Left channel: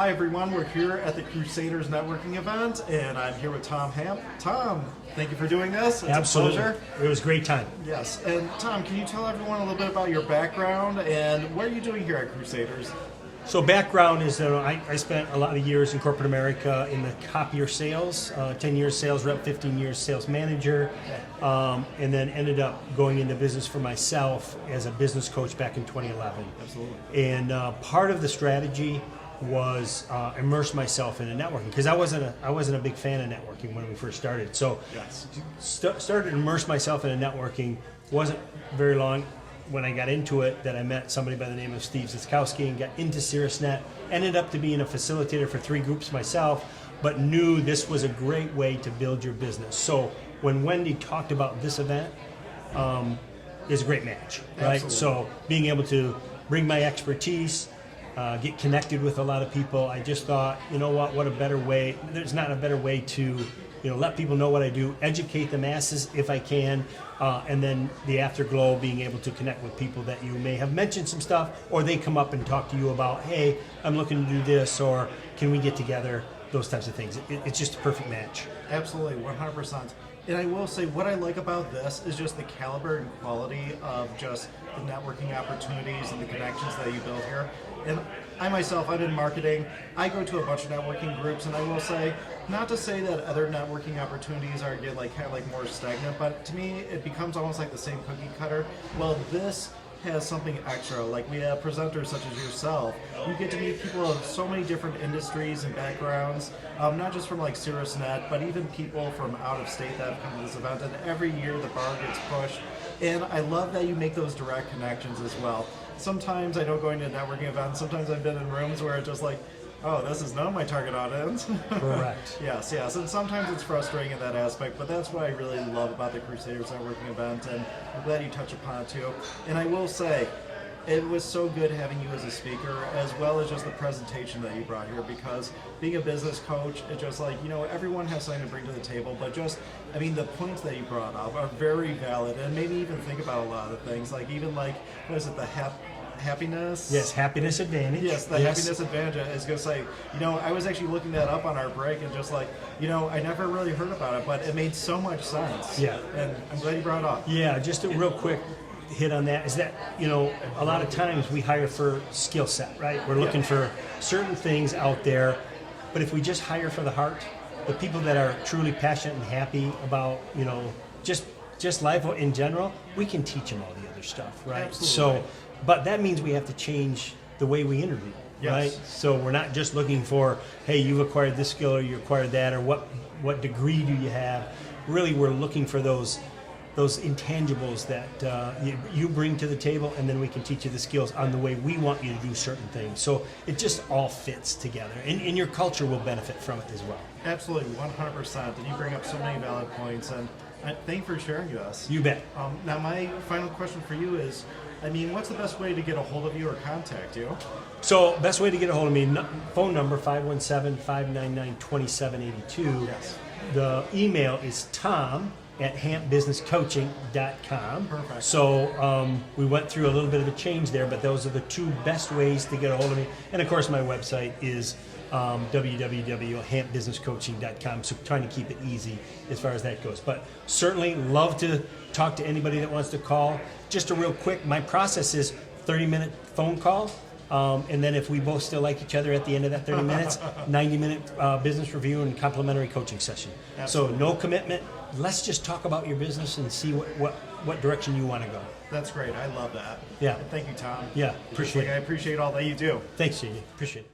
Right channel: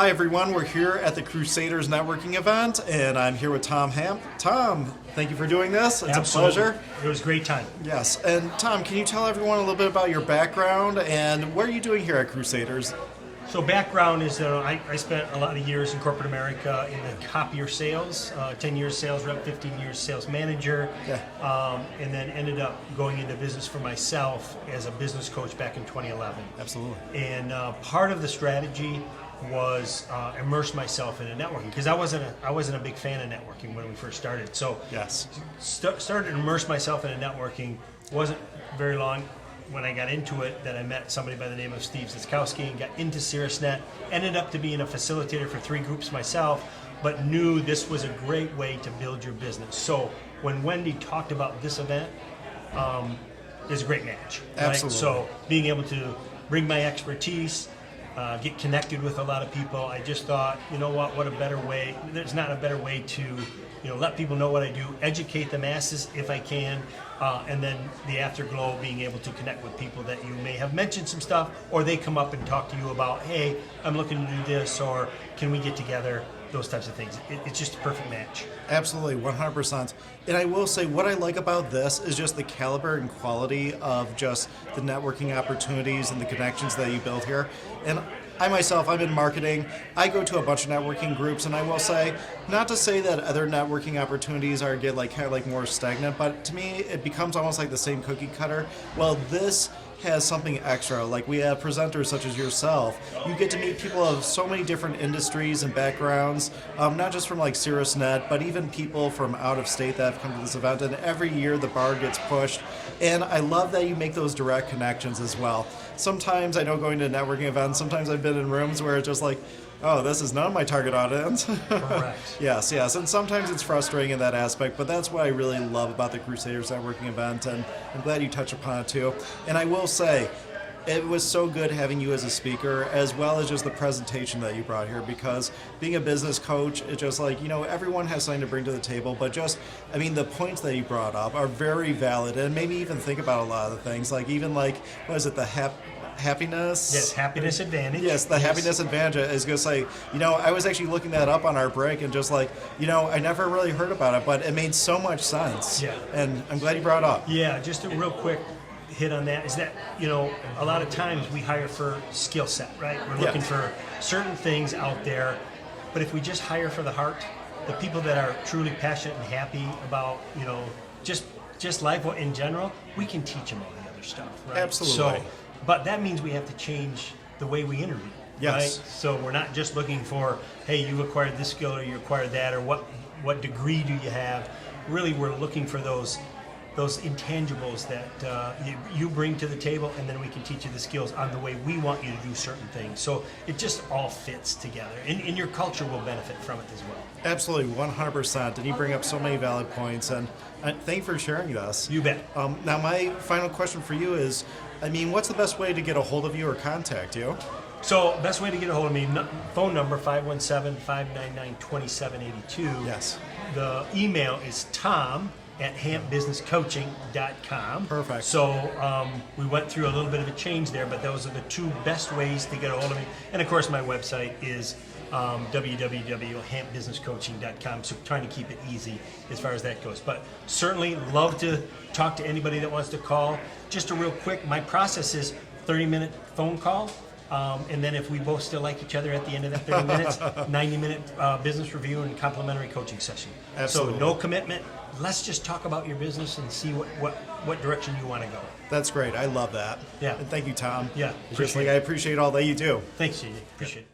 Hi everyone, we're here at the Crusaders networking event, and I'm here with Tom Hamp. Tom, thank you for doing this. It's Absolutely. a pleasure. It was a great time. Yes, and Tom, can you tell everyone a little bit about your background and what are you doing here at Crusaders? So background is I spent a lot of years in corporate America in the copier sales, 10 years sales rep, 15 years sales manager, Okay. And then ended up going into business for myself as a business coach back in 2011. Absolutely. And part of the strategy was immerse myself into networking because I wasn't a big fan of networking when we first started. So Yes. started to immerse myself into networking. Wasn't very long when I got into it that I met somebody by the name of Steve Ziskowski and got into CirrusNet. Ended up to being a facilitator for 3 groups myself, but knew this was a great way to build your business. So when Wendy talked about this event, it's a great match. Right? Absolutely. So being able to bring my expertise, get connected with a lot of people, I just thought, you know what a better way. There's not a better way to let people know what I do, educate the masses if I can, and then the afterglow, being able to connect with people that you may have mentioned some stuff, or they come up and talk to you about, hey, I'm looking to do this, or can we get together, those types of things. It's just a perfect match. Absolutely, 100%. And I will say, what I like about this is just the caliber and quality of just the networking opportunities and the connections that you build here. And I myself, I'm in marketing. I go to a bunch of networking groups, and I will say, not to say that other networking opportunities are kind of more stagnant, but to me, it becomes almost like the same cookie cutter. Well, this has something extra. Like, we have presenters such as yourself. You get to meet people of so many different industries and backgrounds, not just from CirrusNet, but even people from out of state that have come to this event. And every year the bar gets pushed. And I love that you make those direct connections as well. Sometimes I know going to networking events, sometimes I've been in rooms where it's just like, oh, this is not my target audience. Correct. Yes, and sometimes it's frustrating in that aspect, but that's what I really love about the Crusaders networking event, and I'm glad you touched upon it too. And I will say, it was so good having you as a speaker, as well as just the presentation that you brought here, because being a business coach, it's just everyone has something to bring to the table, but the points that you brought up are very valid, and made me even think about a lot of the things, what is it, the happiness? Yes, happiness advantage. Yes, the happiness advantage is going to say, I was actually looking that up on our break and just I never really heard about it, but it made so much sense. Yeah. And I'm glad you brought it up. Yeah, just a real quick hit on that is that, a lot of times we hire for skill set, right? We're looking for certain things out there, but if we just hire for the heart, the people that are truly passionate and happy about, just life in general, we can teach them all the other stuff, right? Absolutely. So, but that means we have to change the way we interview, Yes. right? So we're not just looking for, hey, you've acquired this skill or you acquired that, or what degree do you have? Really, we're looking for those intangibles that you bring to the table, and then we can teach you the skills on the way we want you to do certain things. So it just all fits together, and your culture will benefit from it as well. Absolutely, 100%. And you bring up so many valid points, and thank you for sharing this. You bet. Now, my final question for you is, what's the best way to get a hold of you or contact you? So best way to get a hold of me, phone number 517-599-2782. Yes. The email is tom@hampbusinesscoaching.com. Perfect. So we went through a little bit of a change there, but those are the 2 best ways to get a hold of me. And of course, my website is www.hampbusinesscoaching.com. So trying to keep it easy as far as that goes. But certainly love to talk to anybody that wants to call. Just a real quick, my process is 30-minute phone call. And then if we both still like each other at the end of that 30 minutes, 90-minute business review and complimentary coaching session. Absolutely. So no commitment. Let's just talk about your business and see what direction you want to go. That's great. I love that. Yeah. And thank you, Tom. Yeah, appreciate it. I appreciate all that you do. Thanks, Jamie. Appreciate it.